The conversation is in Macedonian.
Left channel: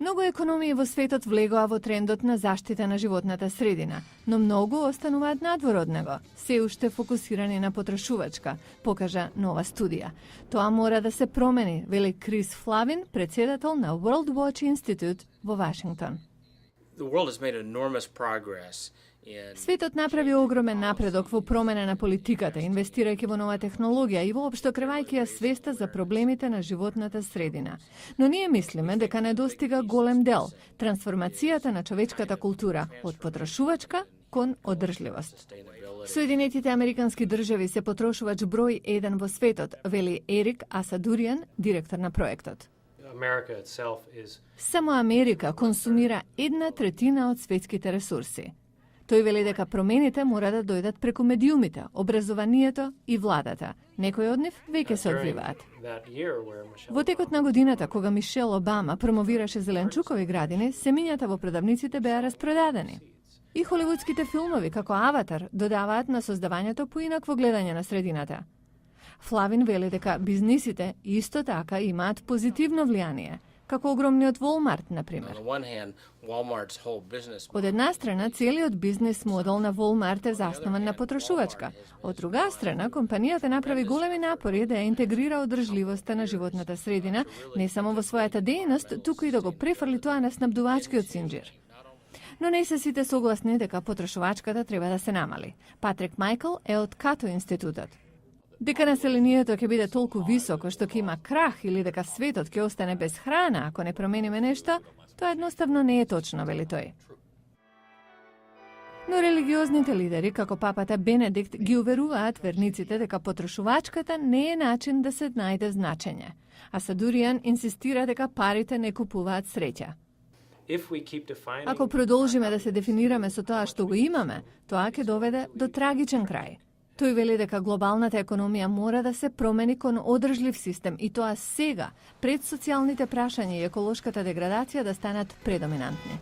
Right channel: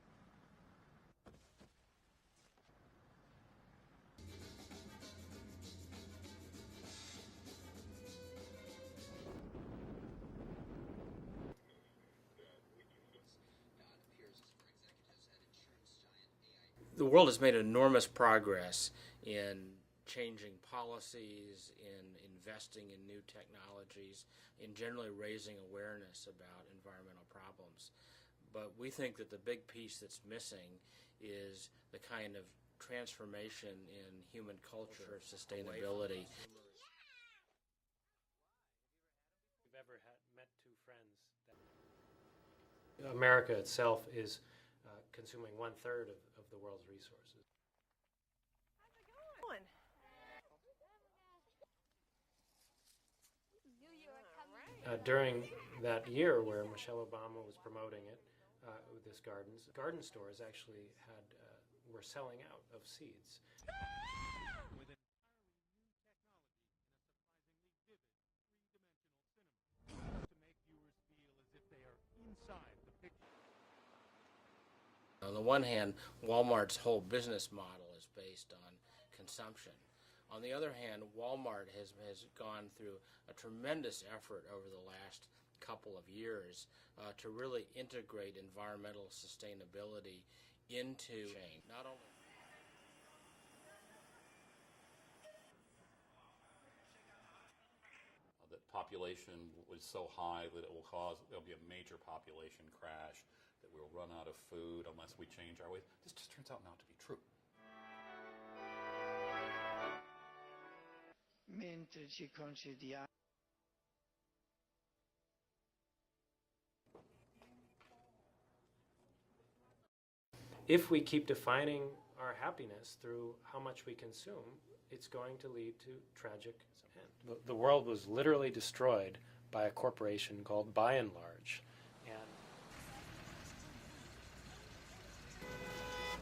Многу економии во светот влегоа во трендот на заштита на животната средина, но многу остануваат надвор од него, се уште фокусирани на потрошувачка, покажа нова студија. Тоа мора да се промени, вели Крис Флавин, председател на World Watch Institute во Вашингтон. The world has made enormous progress. Светот направи огромен напредок во промена на политиката, инвестирајќи во нова технологија и воопшто кревајќи ја свеста за проблемите на животната средина. Но ние мислиме дека недостига голем дел – трансформацијата на човечката култура од потрошувачка кон одржливост. Соединетите американски држави се потрошувач број 1 во светот, вели Ерик Асадуријан, директор на проектот. Само Америка консумира 1/3 од светските ресурси. Тој вели дека промените мора да дојдат преку медиумите, образованието и владата. Некои од нив веќе се одвиваат. Во текот на годината, кога Мишел Обама промовираше зеленчукови градини, семињата во продавниците беа распродадени. И холивудските филмови, како Аватар, додаваат на создавањето поинакво гледање на средината. Флавин вели дека бизнисите исто така имаат позитивно влијание, како огромниот Walmart, например. Од една страна, целиот бизнес модел на Walmart е заснуван на потрошувачка. Од друга страна, компанијата направи големи напори да ја интегрира одржливоста на животната средина, не само во својата дејност, туку и да го префрли тоа на снабдувачкиот синџир. Но не се сите согласни дека потрошувачката треба да се намали. Патрик Майкл е од Като институтот. Дека населението ќе биде толку високо што ќе има крах или дека светот ќе остане без храна ако не промениме нешто, тоа едноставно не е точно, вели тој. Но религиозните лидери, како папата Бенедикт, ги уверуваат верниците дека потрошувачката не е начин да се најде значење. А Садуријан инсистира дека парите не купуваат среќа. Ако продолжиме да се дефинираме со тоа што го имаме, тоа ќе доведе до трагичен крај. Тој вели дека глобалната економија мора да се промени кон одржлив систем и тоа сега, пред социјалните прашања и еколошката деградација да станат предоминантни.